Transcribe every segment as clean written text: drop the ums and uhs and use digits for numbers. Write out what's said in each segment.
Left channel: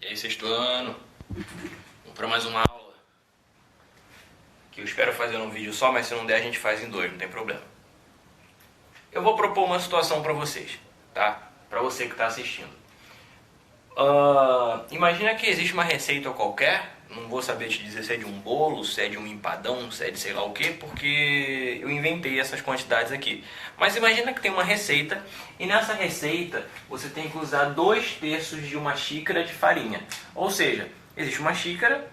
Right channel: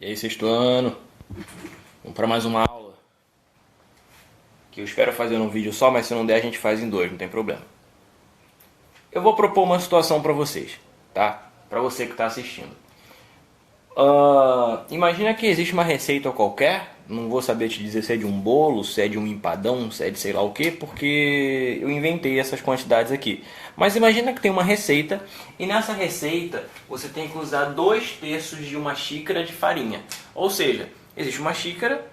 E aí, sexto ano, vamos para mais uma aula, que eu espero fazer num vídeo só, mas se não der a gente faz em dois, não tem problema. Eu vou propor uma situação para vocês, tá? Para você que está assistindo. Imagina que existe uma receita qualquer, não vou saber te dizer se é de um bolo, se é de um empadão, se é de sei lá o que, porque eu inventei essas quantidades aqui. Mas imagina que tem uma receita e nessa receita você tem que usar 2/3 de uma xícara de farinha. Ou seja, existe uma xícara,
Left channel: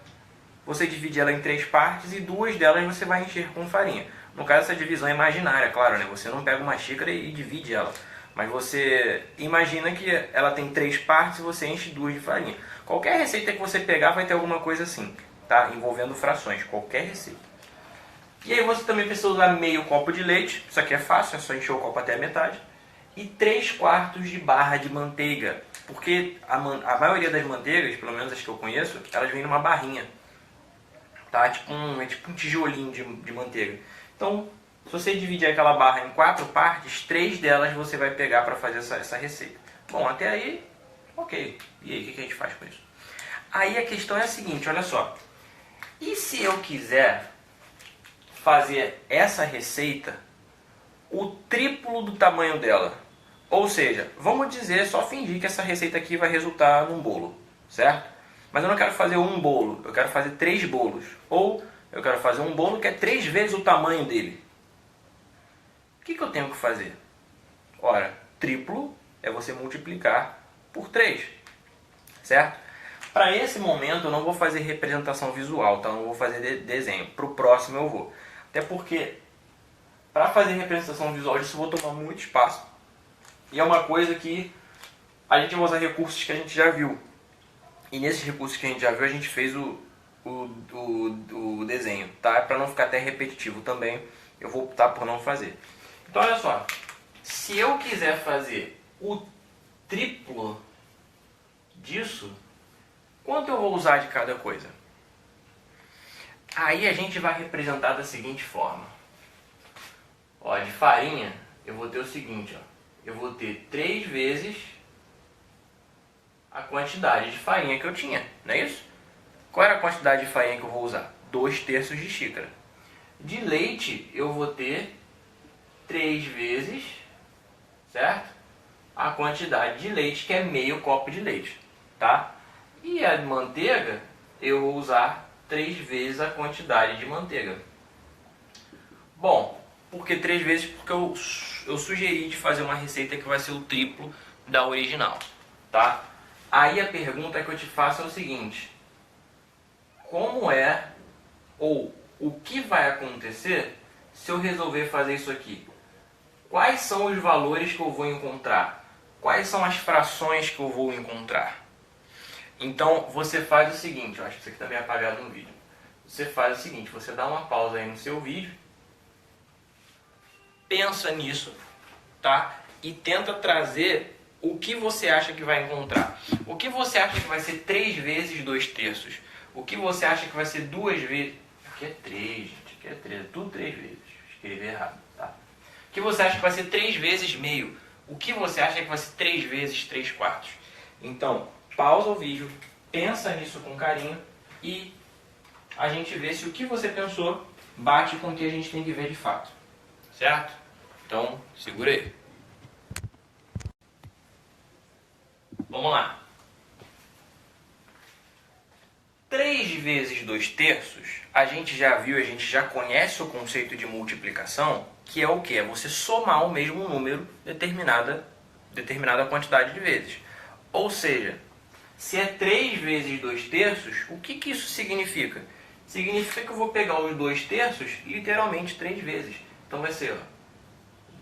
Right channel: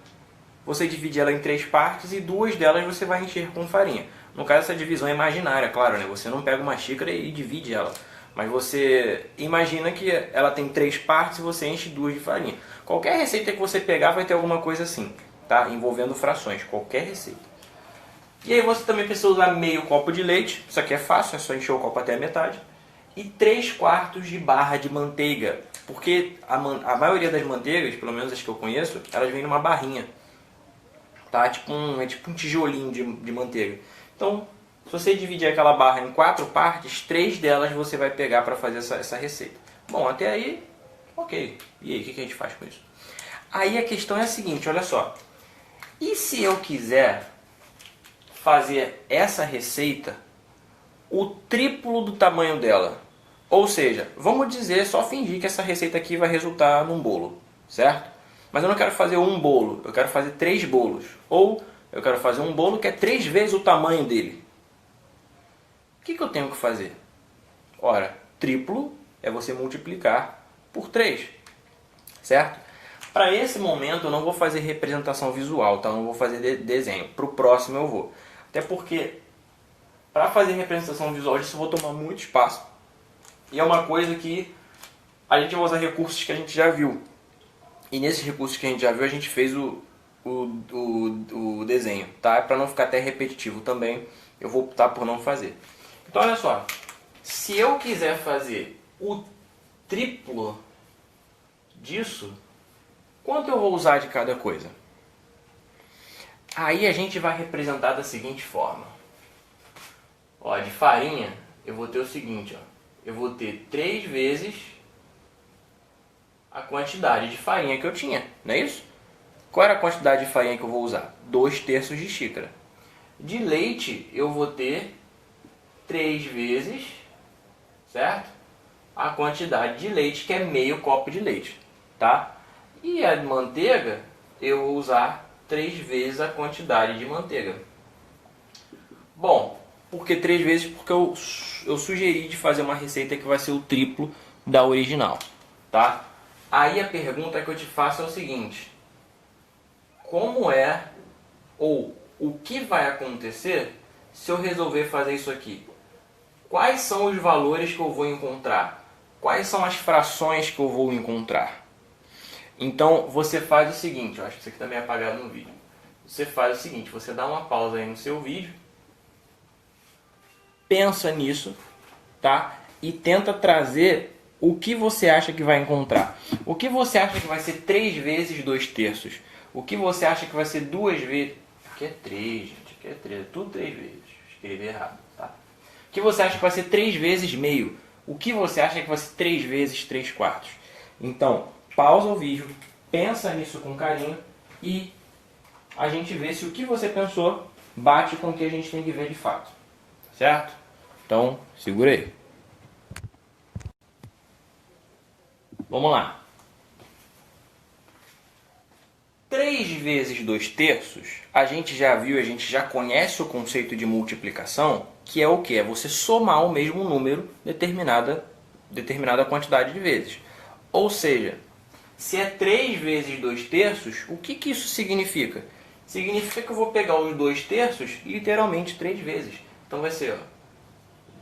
você divide ela em 3 partes e 2 delas você vai encher com farinha. No caso, essa divisão é imaginária, claro, né? Você não pega uma xícara e divide ela. Mas você imagina que ela tem 3 partes e você enche 2 de farinha. Qualquer receita que você pegar vai ter alguma coisa assim, tá? Envolvendo frações, qualquer receita. E aí você também precisa usar meio copo de leite, isso aqui é fácil, é só encher o copo até a metade. E 3/4 de barra de manteiga, porque a maioria das manteigas, pelo menos as que eu conheço, elas vêm numa barrinha. Tá? É tipo um tijolinho de manteiga. Então, se você dividir aquela barra em 4 partes, 3 delas você vai pegar para fazer essa receita. Bom, até aí, ok. E aí, o que a gente faz com isso? Aí a questão é a seguinte, olha só. E se eu quiser fazer essa receita o triplo do tamanho dela? Ou seja, vamos dizer, só fingir que essa receita aqui vai resultar num bolo, certo? Mas eu não quero fazer um bolo, eu quero fazer 3 bolos. Ou eu quero fazer um bolo que é 3 vezes o tamanho dele. O que eu tenho que fazer? Ora, triplo é você multiplicar por 3, certo? Para esse momento eu não vou fazer representação visual, tá? Eu não vou fazer desenho. Para o próximo eu vou. Até porque, para fazer representação visual disso, eu vou tomar muito espaço. E é uma coisa que a gente vai usar recursos que a gente já viu. E nesses recursos que a gente já viu, a gente fez o desenho, tá? Para não ficar até repetitivo também, eu vou optar por não fazer. Então, olha só. Se eu quiser fazer o triplo disso, quanto eu vou usar de cada coisa? Aí a gente vai representar da seguinte forma. Ó, de farinha, eu vou ter o seguinte, ó. Eu vou ter 3 vezes a quantidade de farinha que eu tinha, não é isso? Qual era a quantidade de farinha que eu vou usar? 2/3 de xícara. De leite, eu vou ter 3 vezes, certo? A quantidade de leite, que é meio copo de leite, tá? E a de manteiga, eu vou usar 3 vezes a quantidade de manteiga. Bom, por que 3 vezes? Porque eu sugeri de fazer uma receita que vai ser o triplo da original, tá? Aí a pergunta que eu te faço é o seguinte: como é, ou o que vai acontecer se eu resolver fazer isso aqui? Quais são os valores que eu vou encontrar? Quais são as frações que eu vou encontrar? Então você faz o seguinte, eu acho que isso aqui está meio apagado no vídeo. Você faz o seguinte, você dá uma pausa aí no seu vídeo, pensa nisso, tá? E tenta trazer o que você acha que vai encontrar. O que você acha que vai ser 3 vezes 2/3? O que você acha que vai ser 2 vezes... Aqui é 3, gente. Aqui é 3. Tudo 3 vezes. Escrevi errado, tá? O que você acha que vai ser 3 vezes meio? O que você acha que vai ser 3 vezes 3/4? Então, pausa o vídeo, pensa nisso com carinho e a gente vê se o que você pensou bate com o que a gente tem que ver de fato. Certo? Então, segura aí. Vamos lá. 3 vezes 2/3, a gente já viu, a gente já conhece o conceito de multiplicação, que é o que? É você somar o mesmo número determinada quantidade de vezes. Ou seja, se é 3 vezes 2/3, o que isso significa? Significa que eu vou pegar os 2/3 literalmente 3 vezes. Então vai ser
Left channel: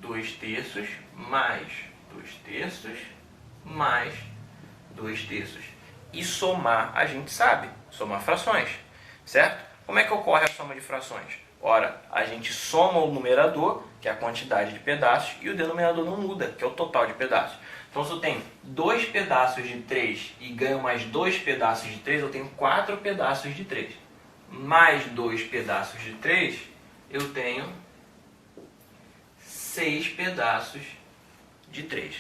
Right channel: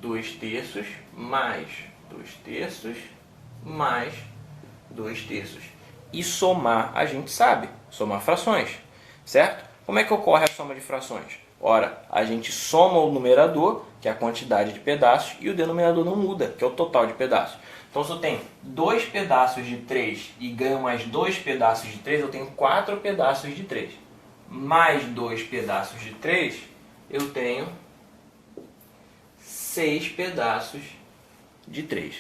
2/3 mais 2/3 mais 2/3. E somar, a gente sabe, somar frações, certo? Como é que ocorre a soma de frações? Ora, a gente soma o numerador, que é a quantidade de pedaços, e o denominador não muda, que é o total de pedaços. Então, se eu tenho 2 pedaços de 3 e ganho mais 2 pedaços de 3, eu tenho 4 pedaços de 3. Mais 2 pedaços de 3, eu tenho 6 pedaços de 3,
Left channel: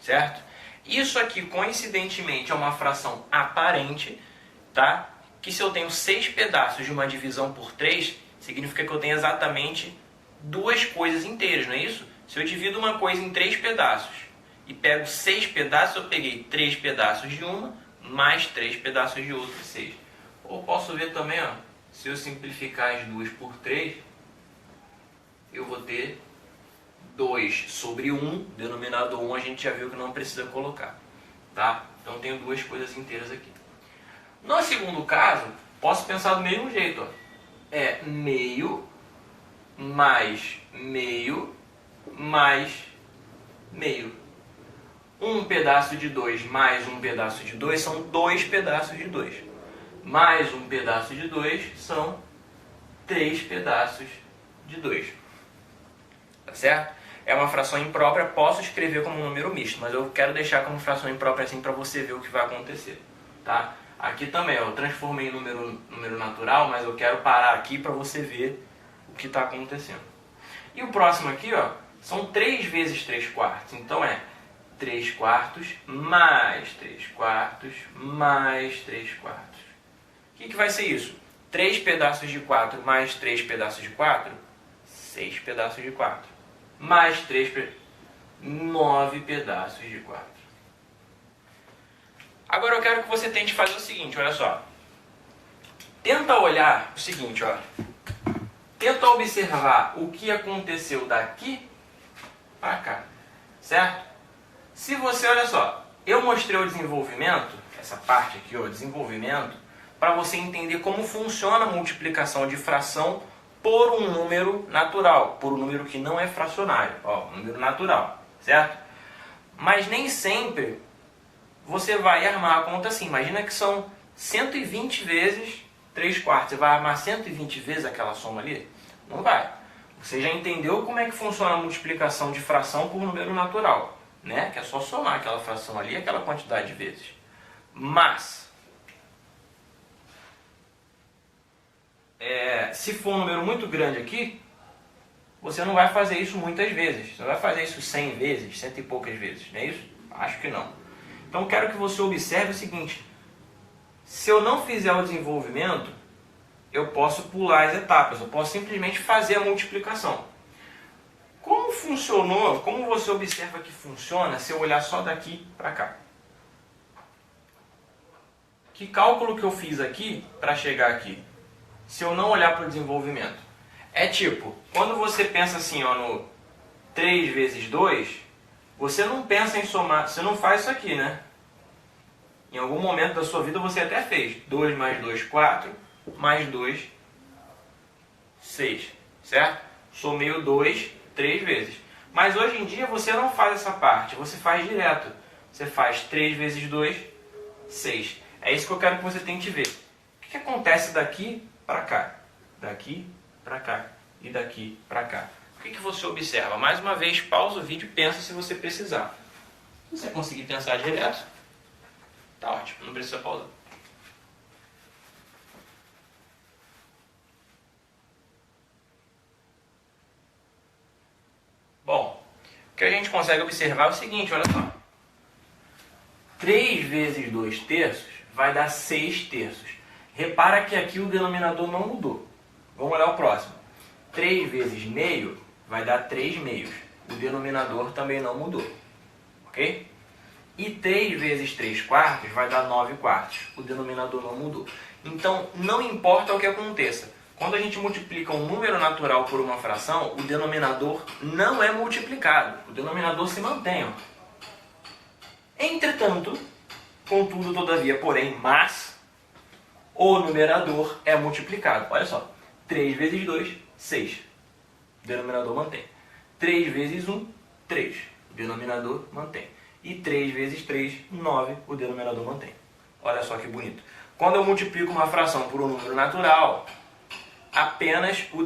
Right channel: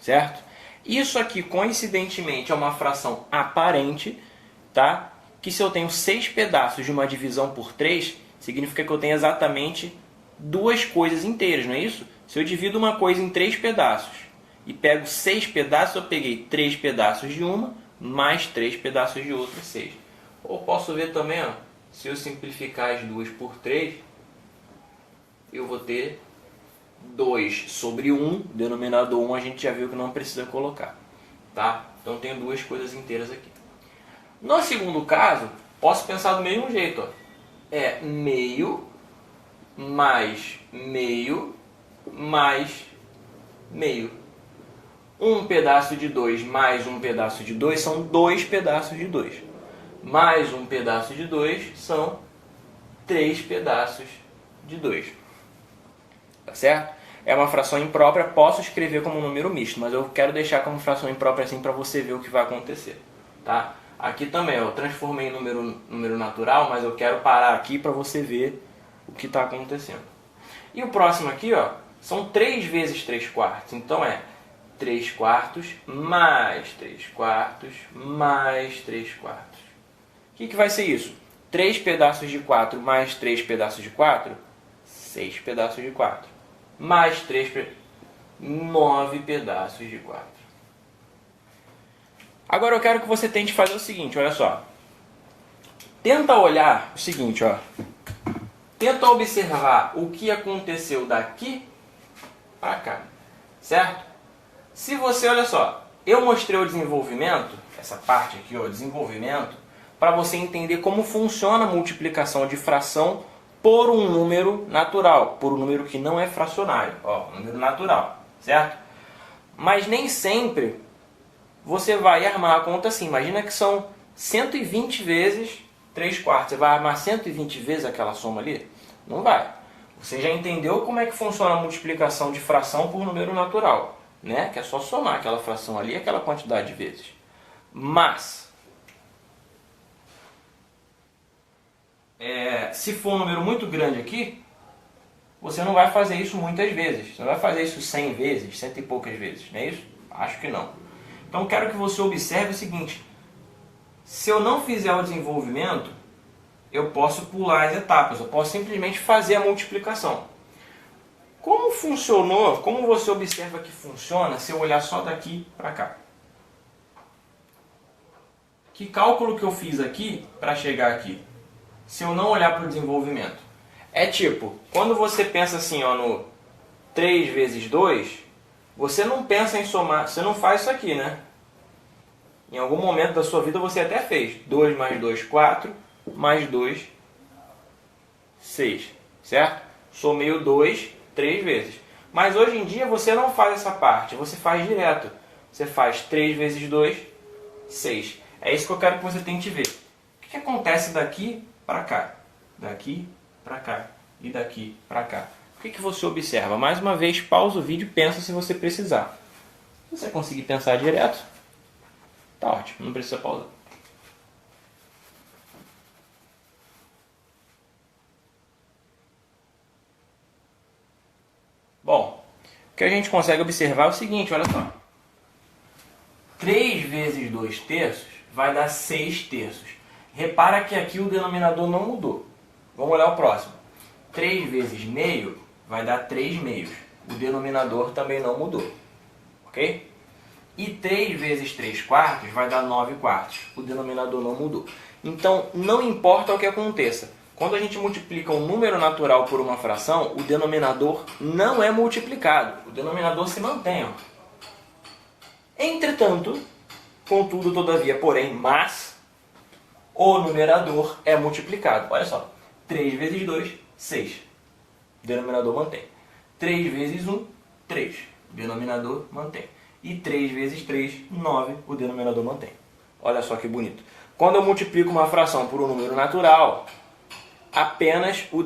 certo? Isso aqui, coincidentemente, é uma fração aparente, tá? Que se eu tenho 6 pedaços de uma divisão por 3, significa que eu tenho exatamente 2 coisas inteiras, não é isso? Se eu divido uma coisa em 3 pedaços e pego 6 pedaços, eu peguei 3 pedaços de uma, mais 3 pedaços de outra, 6. Ou posso ver também, ó, se eu simplificar as duas por 3, eu vou ter 2 sobre 1, denominador 1 a gente já viu que não precisa colocar, tá? Então tenho 2 coisas inteiras aqui. No segundo caso, posso pensar do mesmo jeito, ó. É meio mais meio mais meio. Um pedaço de 2 mais um pedaço de 2 são 2 pedaços de 2. Mais um pedaço de 2 são 3 pedaços de 2. Tá certo? É uma fração imprópria, posso escrever como um número misto, mas eu quero deixar como fração imprópria assim para você ver o que vai acontecer. Tá? Aqui também eu transformei em número natural, mas eu quero parar aqui para você ver o que está acontecendo. E o próximo aqui, ó, são 3 vezes 3 quartos. Então é 3 quartos mais 3 quartos mais 3 quartos. O que vai ser isso? 3 pedaços de 4 mais 3 pedaços de 4? 6 pedaços de 4. Mais 9 pedaços de 4. Agora eu quero que você tente fazer o seguinte, olha só. Tenta olhar o seguinte, ó. Tenta observar o que aconteceu daqui para cá, certo? Se você, olha só, eu mostrei o desenvolvimento, essa parte aqui, ó, desenvolvimento, para você entender como funciona a multiplicação de fração por um número natural, por um número que não é fracionário, ó, um número natural, certo? Mas nem sempre você vai armar a conta assim. Imagina que são 120 vezes 3 quartos. Você vai armar 120 vezes aquela soma ali? Não vai. Você já entendeu como é que funciona a multiplicação de fração por número natural, né? Que é só somar aquela fração ali, aquela quantidade de vezes. Mas se for um número muito grande aqui, você não vai fazer isso muitas vezes. Você não vai fazer isso 100 vezes, 100 e poucas vezes, não é isso? Acho que não. Então quero que você observe o seguinte: se eu não fizer o desenvolvimento, eu posso pular as etapas, eu posso simplesmente fazer a multiplicação. Como funcionou, como você observa que funciona se eu olhar só daqui para cá? Que cálculo que eu fiz aqui para chegar aqui? Se eu não olhar para o desenvolvimento. É tipo, quando você pensa assim, ó, no 3 vezes 2, você não pensa em somar, você não faz isso aqui, né? Em algum momento da sua vida você até fez. 2 mais 2, 4, mais 2, 6, certo? Somei o 2 3 vezes. Mas hoje em dia você não faz essa parte, você faz direto. Você faz 3 vezes 2, 6. É isso que eu quero que você tente ver. O que acontece daqui para cá? Daqui para cá e daqui para cá. O que você observa? Mais uma vez, pausa o vídeo e pensa se você precisar. Se você conseguir pensar direto, tá ótimo, não precisa pausar. Bom, o que a gente consegue observar é o seguinte, olha só. 3 vezes 2 terços vai dar 6 terços. Repara que aqui o denominador não mudou. Vamos olhar o próximo. 3 vezes meio vai dar 3 meios. O denominador também não mudou. Ok? E 3 vezes 3 quartos vai dar 9 quartos. O denominador não mudou. Então, não importa o que aconteça. Quando a gente multiplica um número natural por uma fração, o denominador não é multiplicado. O denominador se mantém. Ó. Entretanto, contudo, todavia, porém, mas, o numerador é multiplicado. Olha só. 3 vezes 2, 6. O denominador mantém. 3 vezes 1, 3. O denominador mantém. E 3 vezes 3, 9. O denominador mantém. Olha só que bonito. Quando eu multiplico uma fração por um número natural, apenas o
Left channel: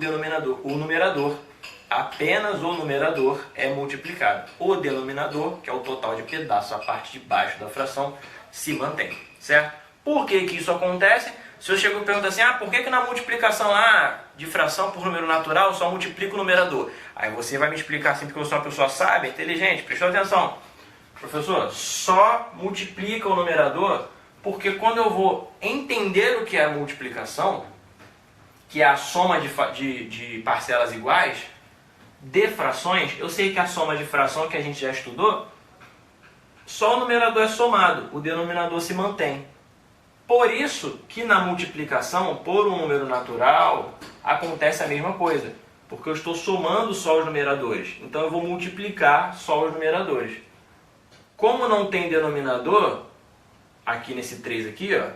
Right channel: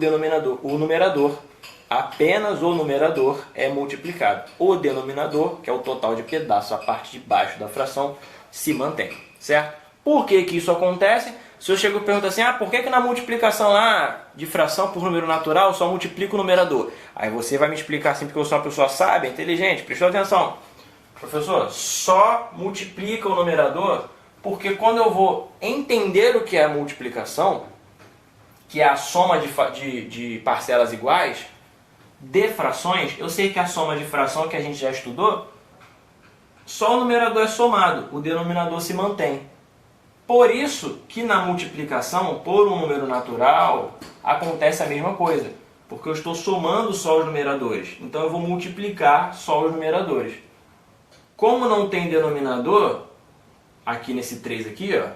numerador é multiplicado. O denominador, que é o total de pedaços, a parte de baixo da fração, se mantém. Certo? Por que isso acontece? Se eu chego e pergunto assim, por que na multiplicação lá de fração por número natural só multiplica o numerador? Aí você vai me explicar assim, porque eu sou uma pessoa sábia, inteligente, prestou atenção. Professor, só multiplica o numerador porque quando eu vou entender o que é a multiplicação, que é a soma de parcelas iguais, de frações, eu sei que a soma de fração que a gente já estudou, só o numerador é somado, o denominador se mantém. Por isso que na multiplicação por um número natural acontece a mesma coisa, porque eu estou somando só os numeradores, então eu vou multiplicar só os numeradores. Como não tem denominador, aqui nesse 3 aqui, ó,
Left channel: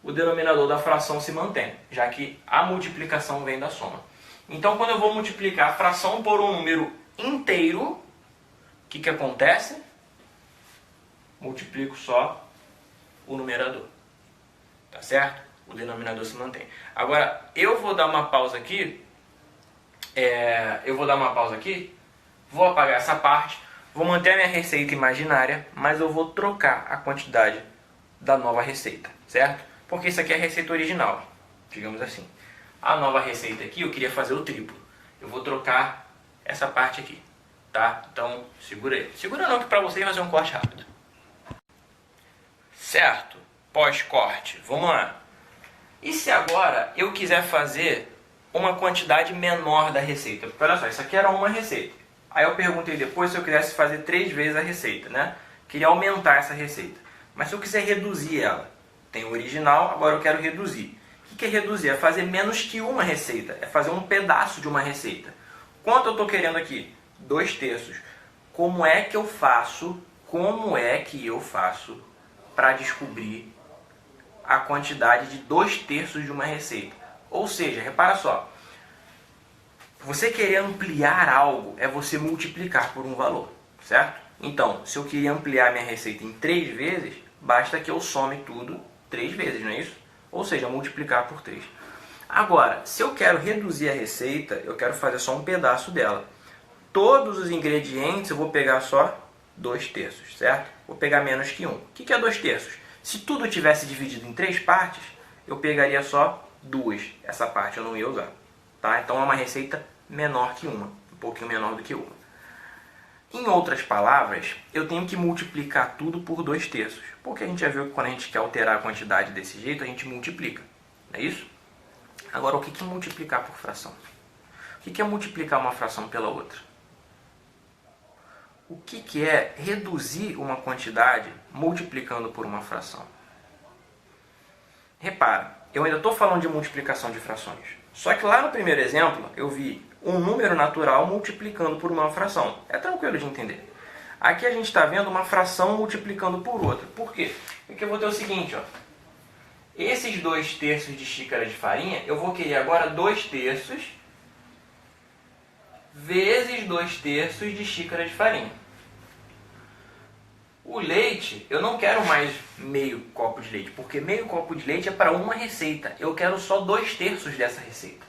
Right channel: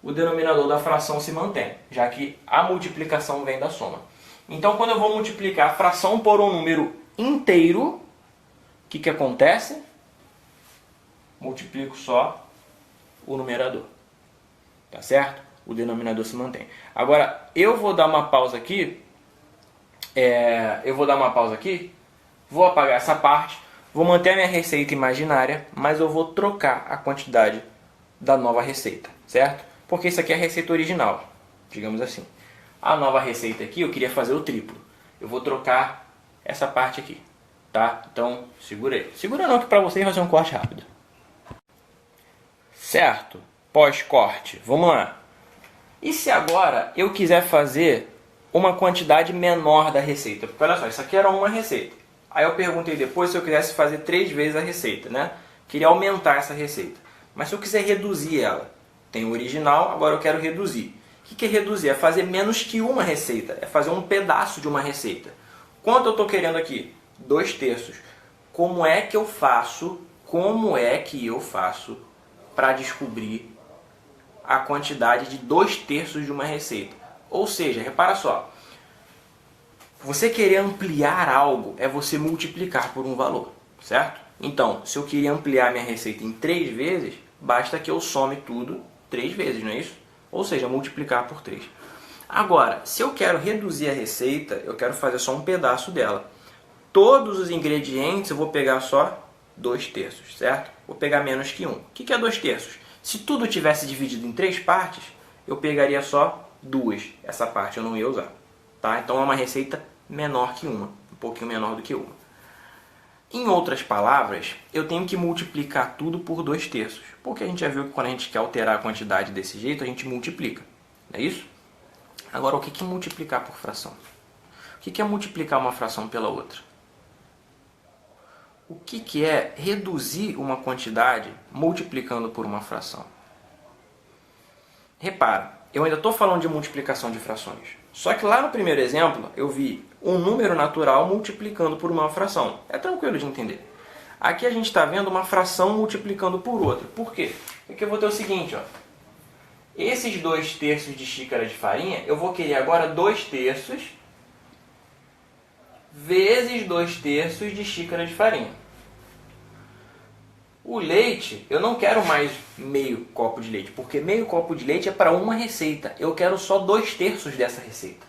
o denominador da fração se mantém, já que a multiplicação vem da soma. Então, quando eu vou multiplicar a fração por um número inteiro, o que acontece? Multiplico só o numerador. Tá certo? O denominador se mantém. Agora, eu vou dar uma pausa aqui. Vou apagar essa parte. Vou manter a minha receita imaginária, mas eu vou trocar a quantidade da nova receita, certo? Porque isso aqui é a receita original, digamos assim. A nova receita aqui, eu queria fazer o triplo. Eu vou trocar essa parte aqui, tá? Então, segura aí. Segura não, que para vocês vai ser um corte rápido. Certo? Pós-corte. Vamos lá. E se agora eu quiser fazer uma quantidade menor da receita? Porque olha só, isso aqui era uma receita. Aí eu perguntei depois se eu quisesse fazer 3 vezes a receita, né? Queria aumentar essa receita. Mas se eu quiser reduzir ela, tem o original, agora eu quero reduzir. O que é reduzir? É fazer menos que uma receita. É fazer um pedaço de uma receita. Quanto eu estou querendo aqui? 2/3. Como é que eu faço para descobrir a quantidade de 2/3 de uma receita? Ou seja, repara só. Você querer ampliar algo é você multiplicar por um valor, certo? Então, se eu queria ampliar minha receita em 3 vezes, basta que eu some tudo 3 vezes, não é isso? Ou seja, multiplicar por 3. Agora, se eu quero reduzir a receita, eu quero fazer só um pedaço dela. Todos os ingredientes eu vou pegar só 2/3, certo? Vou pegar menos que 1. O que é 2/3? Se tudo tivesse dividido em 3 partes, eu pegaria só 2. Essa parte eu não ia usar. Tá? Então é uma receita menor que uma. Um pouquinho menor do que uma. Em outras palavras, eu tenho que multiplicar tudo por 2/3. Porque a gente já viu que quando a gente quer alterar a quantidade desse jeito, a gente multiplica. Não é isso? Agora, o que é multiplicar por fração? O que é multiplicar uma fração pela outra? O que é reduzir uma quantidade multiplicando por uma fração? Repara, eu ainda estou falando de multiplicação de frações. Só que lá no primeiro exemplo, eu vi um número natural multiplicando por uma fração. É tranquilo de entender. Aqui a gente está vendo uma fração multiplicando por outra. Por quê? Porque eu vou ter o seguinte, ó. Esses 2/3 de xícara de farinha, eu vou querer agora 2/3 vezes 2/3 de xícara de farinha. O leite, eu não quero mais meio copo de leite, porque meio copo de leite é para uma receita. Eu quero só 2/3 dessa receita.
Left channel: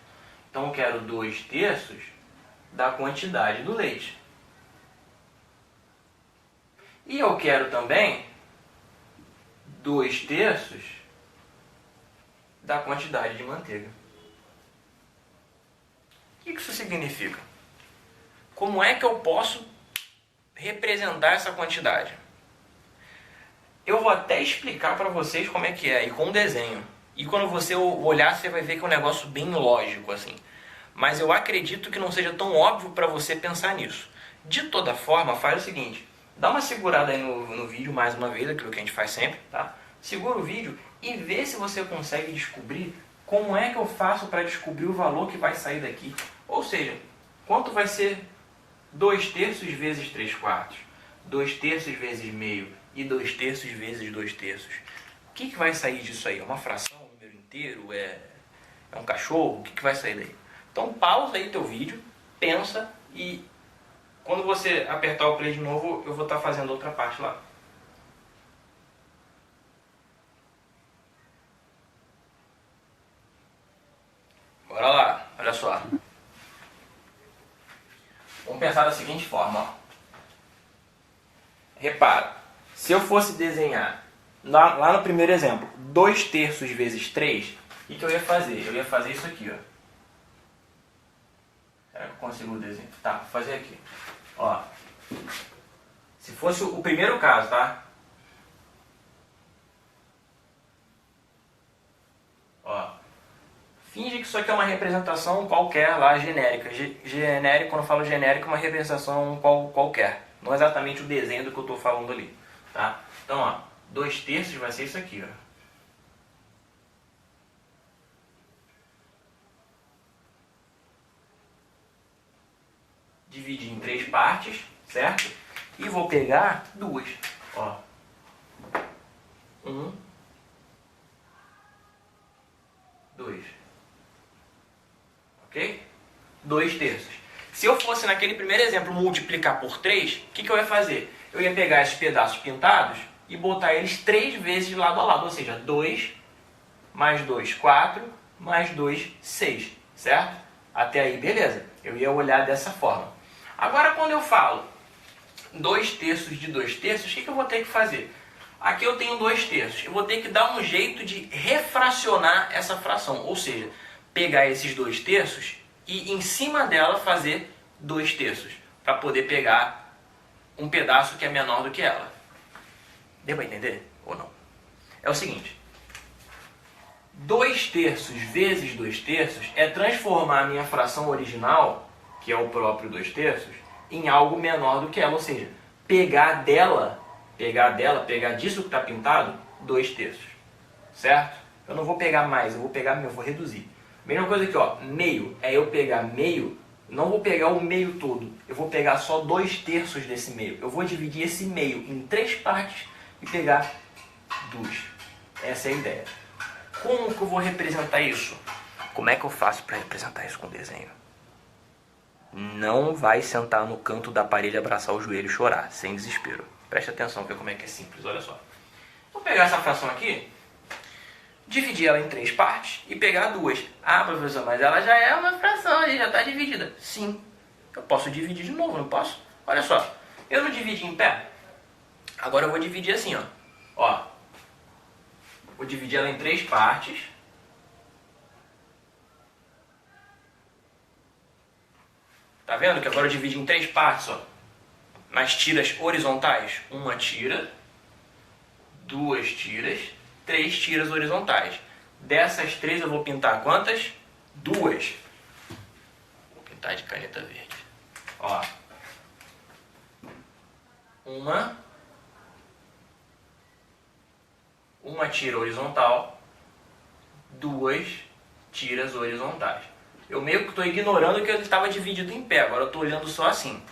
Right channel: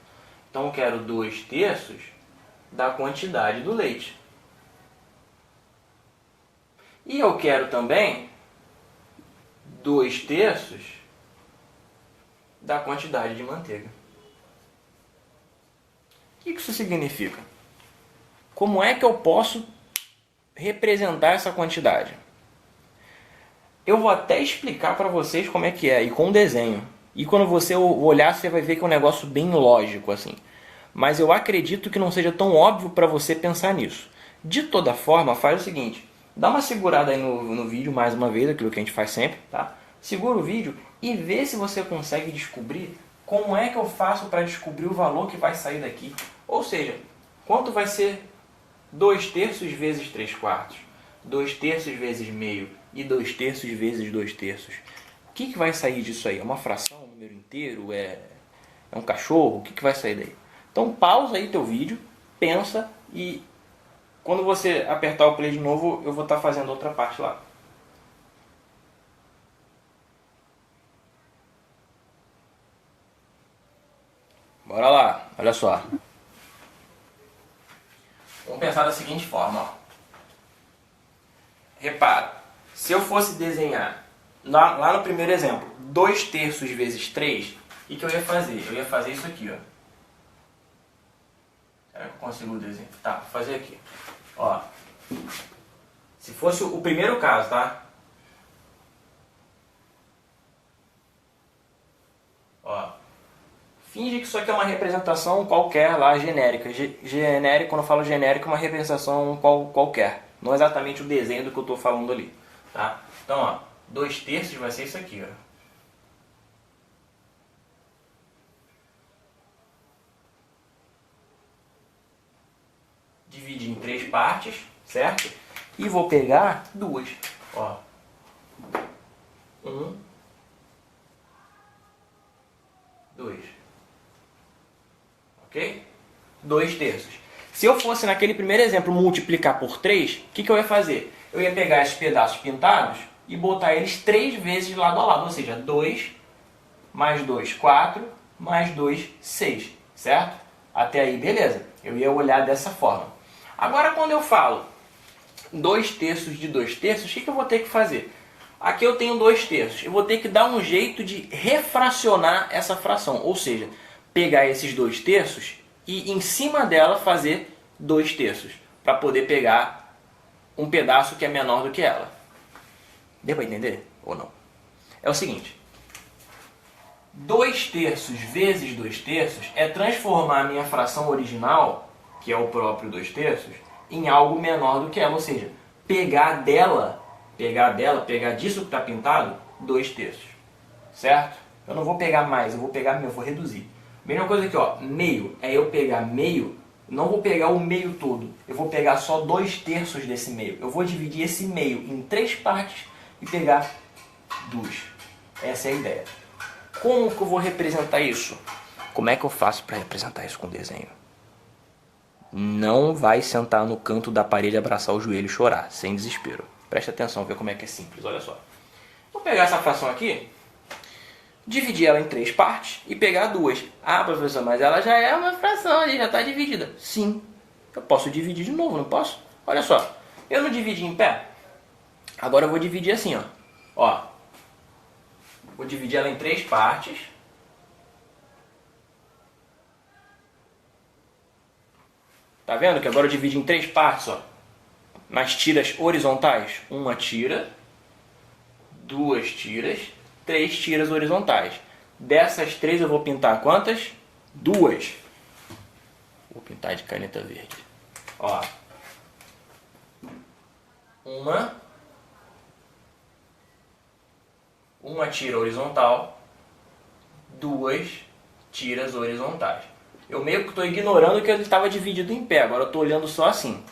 Então eu quero 2/3 da quantidade do leite. E eu quero também 2/3 da quantidade de manteiga. O que isso significa? Como é que eu posso representar essa quantidade? Eu vou até explicar para vocês como é que é, e com desenho. E quando você olhar, você vai ver que é um negócio bem lógico, assim. Mas eu acredito que não seja tão óbvio para você pensar nisso. De toda forma, faz o seguinte. Dá uma segurada aí no vídeo, mais uma vez, aquilo que a gente faz sempre, tá? Segura o vídeo e vê se você consegue descobrir como é que eu faço para descobrir o valor que vai sair daqui. Ou seja, quanto vai ser 2/3 vezes 3/4? 2/3 vezes meio e 2/3 vezes 2/3. O que vai sair disso aí? É uma fração, um número inteiro? É um cachorro? O que vai sair daí? Então pausa aí teu vídeo, pensa e quando você apertar o play de novo, eu vou estar fazendo outra parte lá. Bora lá, olha só. Vamos pensar da seguinte forma, ó. Repara, se eu fosse desenhar, lá no primeiro exemplo, 2/3 vezes 3, o que eu ia fazer? Eu ia fazer isso aqui, ó. Será que eu consigo desenhar? Tá, vou fazer aqui. Ó, Se fosse o primeiro caso, tá? Ó, finge que isso aqui é uma representação qualquer lá, genérica. Genérico, quando eu falo genérico, é uma representação qualquer. Não exatamente o desenho do que eu estou falando ali. Tá? Então, ó, 2/3 vai ser isso aqui, ó. Dividir em 3 partes, certo? E vou pegar 2. Ó. 1, 2. Ok? 2/3. Se eu fosse naquele primeiro exemplo multiplicar por 3, o que eu ia fazer? Eu ia pegar esses pedaços pintados e botar eles 3 vezes lado a lado. Ou seja, 2 mais 2, 4, mais 2, 6. Certo? Até aí, beleza. Eu ia olhar dessa forma. Agora, quando eu falo 2/3 de 2/3, o que eu vou ter que fazer? Aqui eu tenho 2/3. Eu vou ter que dar um jeito de refracionar essa fração. Ou seja, pegar esses 2/3 e em cima dela fazer 2/3. Para poder pegar um pedaço que é menor do que ela. Deu para entender? Ou não? É o seguinte. 2/3 vezes 2/3 é transformar a minha fração original, que é o próprio 2/3, em algo menor do que ela. Ou seja, pegar disso que está pintado, 2/3. Certo? Eu não vou pegar mais, eu vou reduzir. Mesma coisa aqui, ó, meio. É eu pegar meio, não vou pegar o meio todo. Eu vou pegar só 2/3 desse meio. Eu vou dividir esse meio em 3 partes e pegar 2. Essa é a ideia. Como que eu vou representar isso? Como é que eu faço para representar isso com desenho? Não vai sentar no canto da parede, abraçar o joelho e chorar, sem desespero. Preste atenção, ver como é que é simples, olha só. Vou pegar essa fração aqui, dividir ela em 3 partes e pegar 2. Ah, professor, mas ela já é uma fração, já está dividida. Sim, eu posso dividir de novo, não posso? Olha só, eu não dividi em pé. Agora eu vou dividir assim, ó. Ó, vou dividir ela em 3 partes. Tá vendo que agora eu dividi em 3 partes, ó. Nas tiras horizontais. 1 tira, 2 tiras, 3 tiras horizontais. Dessas 3 eu vou pintar quantas? 2. Vou pintar de caneta verde. Ó. 1 tira horizontal, 2 tiras horizontais. Eu meio que estou ignorando que ele estava dividido em pé. Agora eu estou olhando só assim.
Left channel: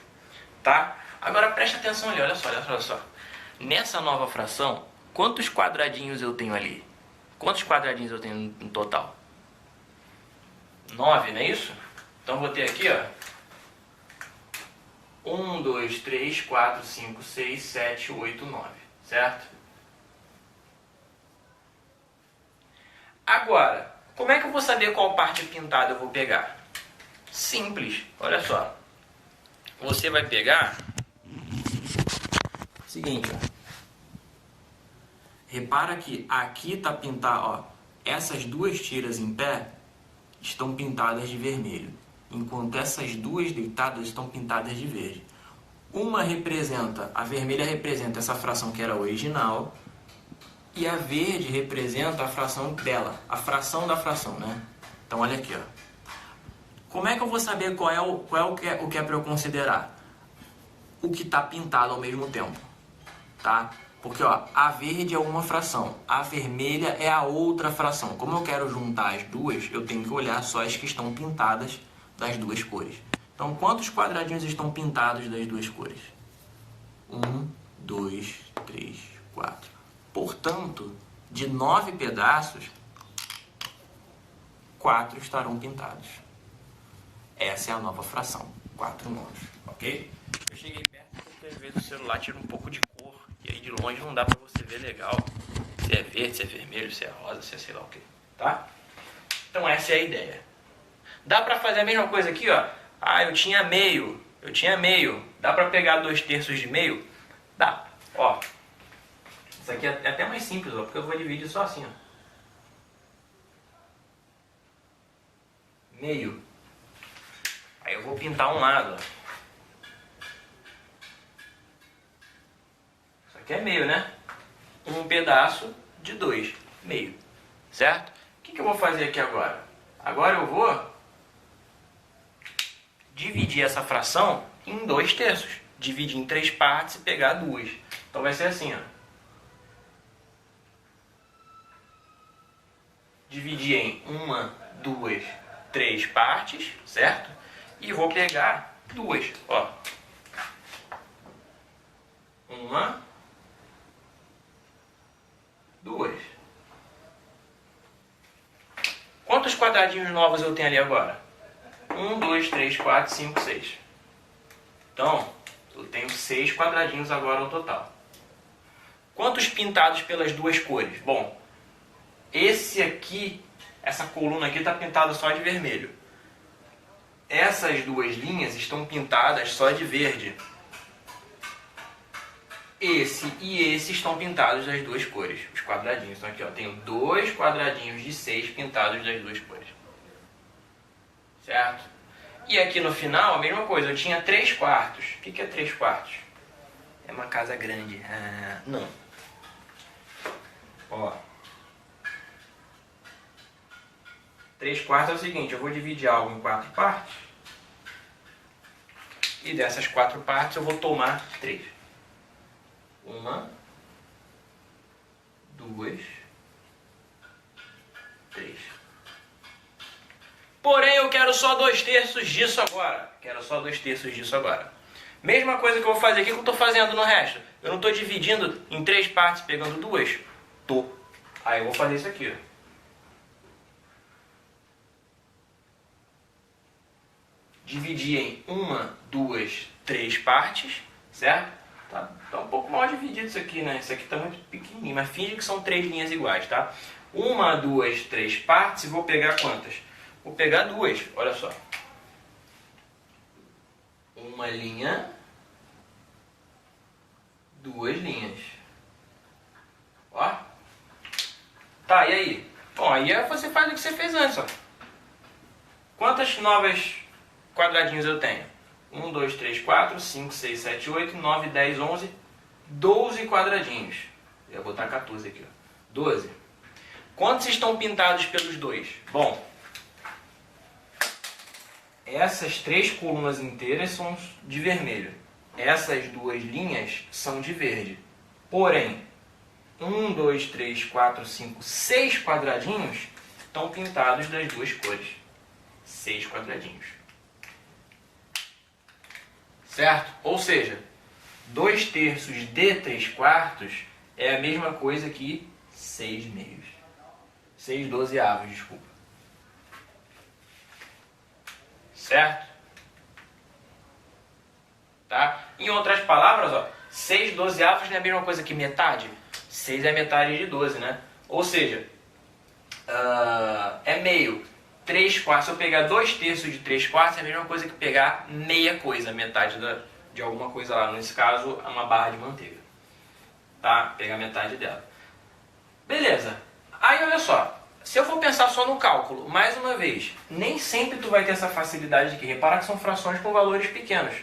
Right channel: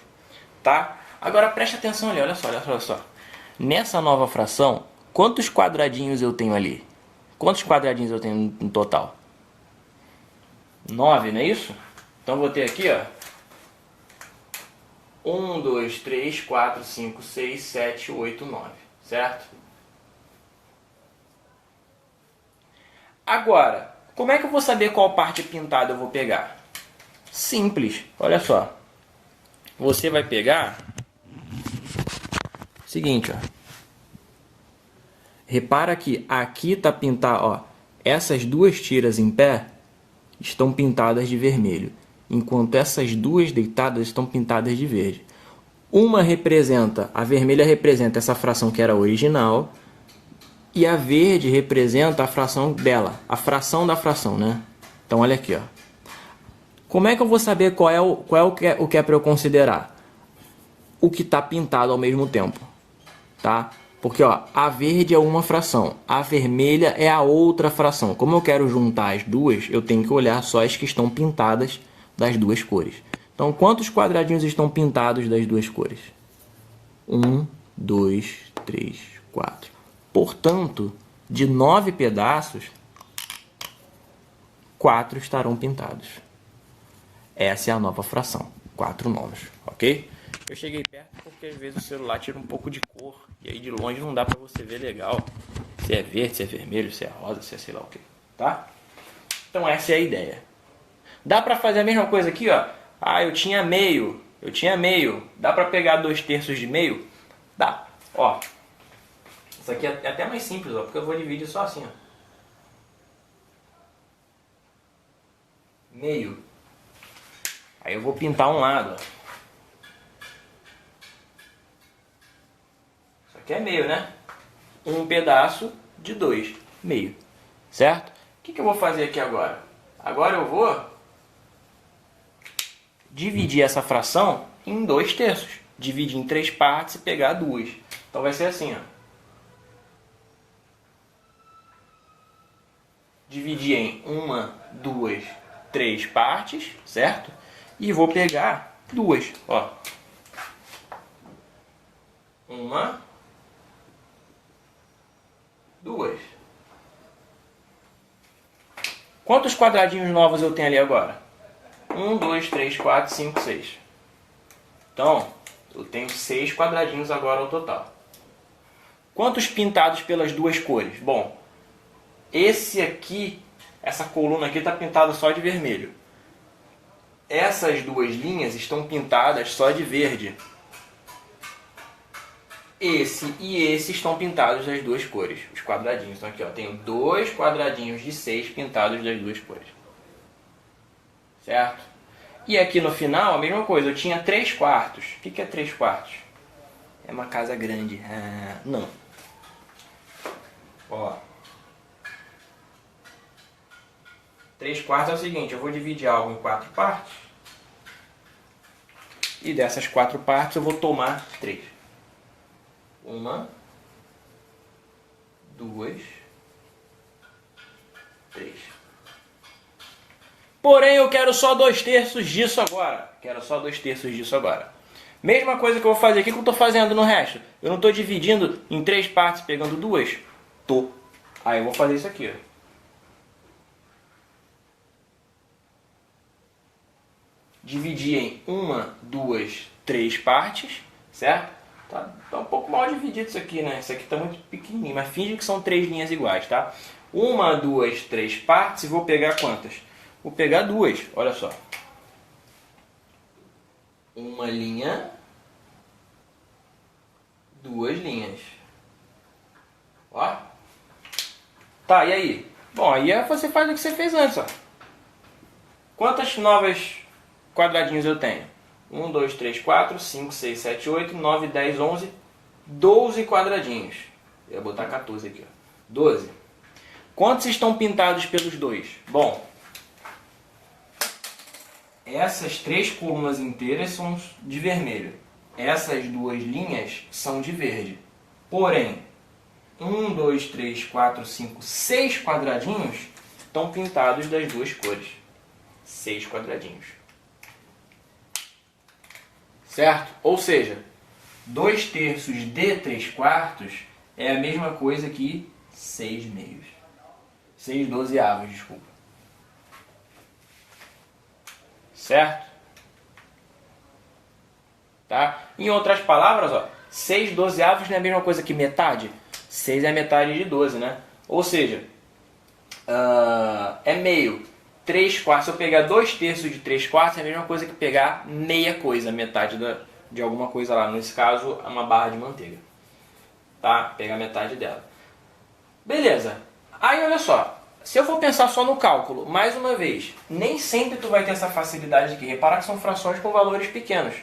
Tá? Agora preste atenção ali, olha só. Nessa nova fração, quantos quadradinhos eu tenho ali? Quantos quadradinhos eu tenho no total? 9, não é isso? Então vou ter aqui, ó. 1, 2, 3, 4, 5, 6, 7, 8, 9. Certo? Agora, como é que eu vou saber qual parte pintada eu vou pegar? Simples, olha só. Você vai pegar o seguinte, ó. Repara que aqui está pintado, ó. Essas 2 tiras em pé estão pintadas de vermelho, enquanto essas 2 deitadas estão pintadas de verde. A vermelha representa essa fração que era original, e a verde representa a fração dela, a fração da fração, né? Então olha aqui, ó. Como é que eu vou saber qual é o que é para eu considerar? O que está pintado ao mesmo tempo, tá? Porque ó, a verde é uma fração, a vermelha é a outra fração. Como eu quero juntar as duas, eu tenho que olhar só as que estão pintadas das 2 cores. Então, quantos quadradinhos estão pintados das 2 cores? 1, 2, 3, 4. Portanto, de 9 pedaços, 4 estarão pintados. Essa é a nova fração, 4 novos, ok? Eu cheguei perto porque às vezes o celular tira um pouco de cor e aí de longe não dá pra você ver legal se é verde, se é vermelho, se é rosa, se é sei lá o que, tá? Então essa é a ideia. Dá pra fazer a mesma coisa aqui, ó. Ah, eu tinha meio. Dá pra pegar 2/3 de meio? Dá. Ó. Isso aqui é até mais simples, ó, porque eu vou dividir só assim, ó. Meio. Aí eu vou pintar um lado, ó. Aqui é meio, né? 1 pedaço de 2, meio. Certo? O que eu vou fazer aqui agora? Agora eu vou dividir essa fração em 2 terços. Dividir em 3 partes e pegar 2. Então vai ser assim, ó. Dividir em 1, 2, 3 partes, certo? E vou pegar 2, ó. 1, 2. Quantos quadradinhos novos eu tenho ali agora? 1, 2, 3, 4, 5, 6. Então, eu tenho 6 quadradinhos agora no total. Quantos pintados pelas duas cores? Bom, esse aqui, essa coluna aqui está pintada só de vermelho. Essas duas linhas estão pintadas só de verde. Esse e esse estão pintados das duas cores, os quadradinhos. Então aqui, ó, tenho 2 quadradinhos de 6 pintados das duas cores. Certo? E aqui no final, a mesma coisa, eu tinha 3 quartos. O que é 3 quartos? É uma casa grande. Não. Ó. 3 quartos é o seguinte, eu vou dividir algo em 4 partes. E dessas 4 partes eu vou tomar 3. 1, 2, 3. Porém, eu quero só 2 terços disso agora. Mesma coisa que eu vou fazer aqui que eu estou fazendo no resto. Eu não estou dividindo em 3 partes, pegando 2. Tô. Aí eu vou fazer isso aqui, ó. Dividir em 1, 2, 3 partes, certo? Tá um pouco mal dividido isso aqui, né? Isso aqui tá muito pequenininho, mas finge que são 3 linhas iguais, tá? 1, 2, 3 partes, e vou pegar quantas? Vou pegar 2, olha só. Uma linha, 2 linhas. Ó. Tá, e aí? Bom, aí você faz o que você fez antes, ó. Quantas novas quadradinhos eu tenho? 1, 2, 3, 4, 5, 6, 7, 8, 9, 10, 11, 12 quadradinhos. Eu ia botar 14 aqui, ó. 12. Quantos estão pintados pelos 2? Bom, essas 3 colunas inteiras são de vermelho. Essas 2 linhas são de verde. Porém, 1, 2, 3, 4, 5, 6 quadradinhos estão pintados das duas cores. 6 quadradinhos. Certo? Ou seja, 2 terços de 3 quartos é a mesma coisa que 6 meios. 6 dozeavos, desculpa. Certo? Tá? Em outras palavras, ó, 6 dozeavos não é a mesma coisa que metade? 6 é metade de 12, né? Ou seja, é meio. 3 quartos, se eu pegar 2 terços de 3 quartos, é a mesma coisa que pegar meia coisa, metade de alguma coisa lá. Nesse caso, é uma barra de manteiga. Tá? Pegar metade dela. Beleza. Aí, olha só. Se eu for pensar só no cálculo, mais uma vez, nem sempre tu vai ter essa facilidade aqui. Repara que são frações com valores pequenos.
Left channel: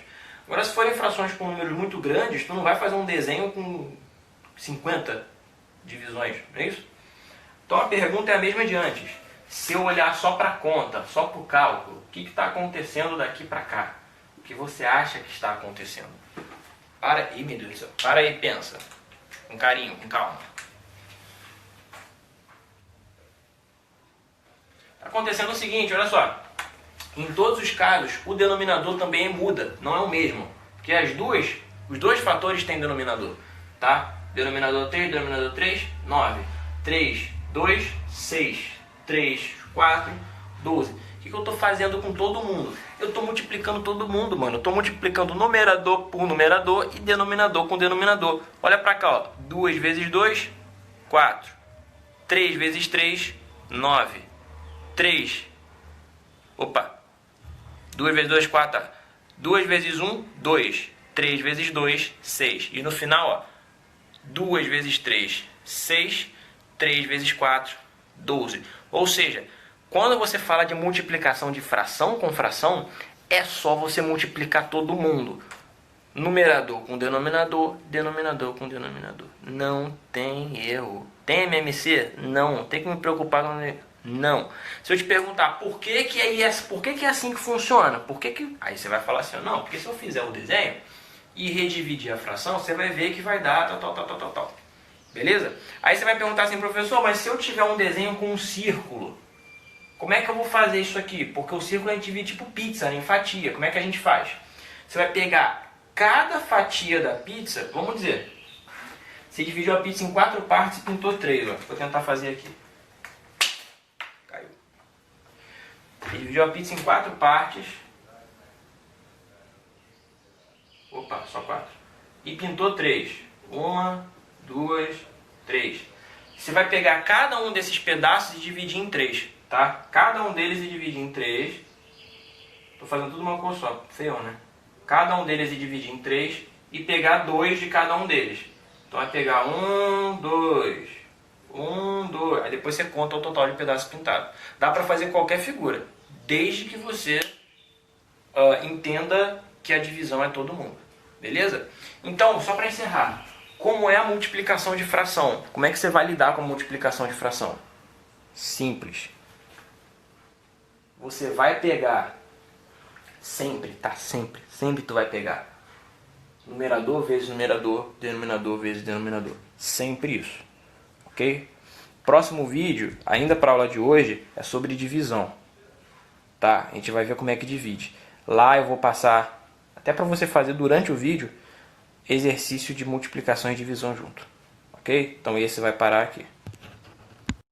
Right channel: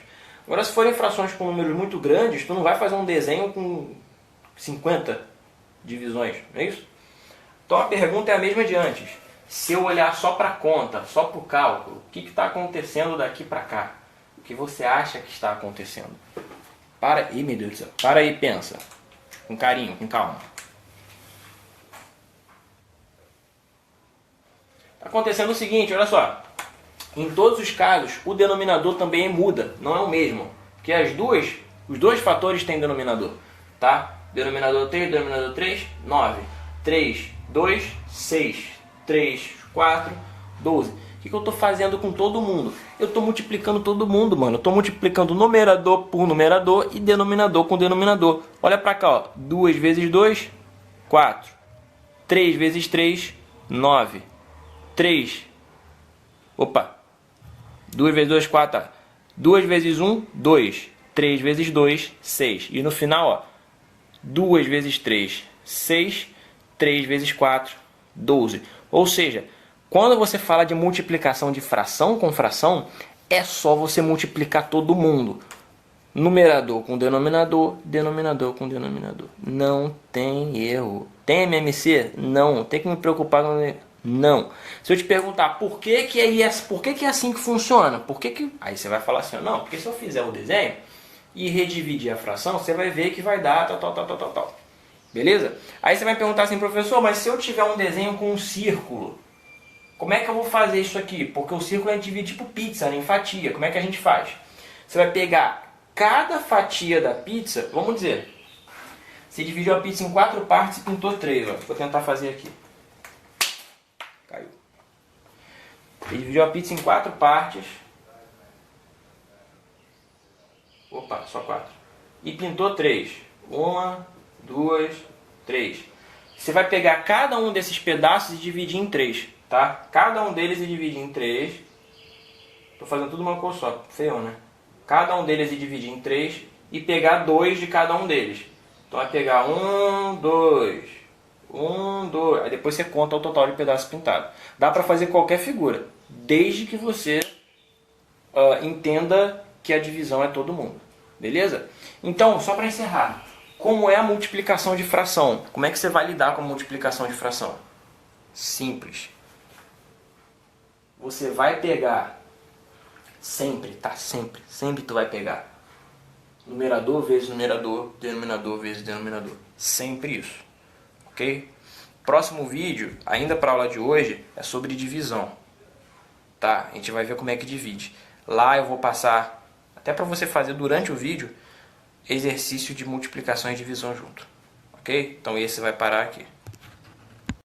Agora, se forem frações com números muito grandes, tu não vai fazer um desenho com 50 divisões, não é isso? Então, a pergunta é a mesma de antes. Se eu olhar só para a conta, só para o cálculo, o que está acontecendo daqui para cá? O que você acha que está acontecendo? Para aí, meu Deus do céu. Para aí e pensa. Com carinho, com calma. Está acontecendo o seguinte, olha só. Em todos os casos, o denominador também muda, não é o mesmo. Porque os dois fatores têm denominador. Tá? Denominador 3, denominador 3, 9. 3, 2, 6. 3, 4, 12. O que eu estou fazendo com todo mundo? Eu estou multiplicando todo mundo, mano. Eu estou multiplicando numerador por numerador e denominador com denominador. Olha para cá, ó. 2 vezes 2, 4. 3 vezes 3, 9. 3. Opa. 2 vezes 2, 4. 2 vezes 1, 2. 3 vezes 2, 6. E no final, ó. 2 vezes 3, 6. 3 vezes 4, 12. Ou seja, quando você fala de multiplicação de fração com fração, é só você multiplicar todo mundo. Numerador com denominador, denominador com denominador. Não tem erro. Tem MMC? Não. Tem que me preocupar com... Não. Se eu te perguntar por que é assim que funciona, aí você vai falar assim, não, porque se eu fizer o desenho e redividir a fração, você vai ver que vai dar tal. Beleza? Aí você vai perguntar assim, professor, mas se eu tiver um desenho com um círculo, como é que eu vou fazer isso aqui? Porque o círculo a gente divide tipo pizza, em fatia. Como é que a gente faz? Você vai pegar cada fatia da pizza, vamos dizer, você dividiu a pizza em 4 partes e pintou 3. Ó. Vou tentar fazer aqui. Caiu. Você dividiu a pizza em 4 partes. Opa, só 4. E pintou 3. 1, 2, 3. Você vai pegar cada um desses pedaços e dividir em 3. Tá? Cada um deles e dividir em 3. Estou fazendo tudo uma cor só. Feio, né? Cada um deles e dividir em 3 e pegar 2 de cada um deles. Então vai pegar 1, 2, 1, 2. Aí depois você conta o total de pedaços pintados. Dá para fazer qualquer figura, desde que você entenda que a divisão é todo mundo. Beleza? Então, só para encerrar, como é a multiplicação de fração? Como é que você vai lidar com a multiplicação de fração? Simples. Você vai pegar sempre, tá? Sempre tu vai pegar numerador vezes numerador, denominador vezes denominador. Sempre isso. Ok? Próximo vídeo, ainda para a aula de hoje, é sobre divisão. Tá? A gente vai ver como é que divide. Lá eu vou passar, até para você fazer durante o vídeo, exercício de multiplicação e divisão junto. Ok? Então esse vai parar aqui.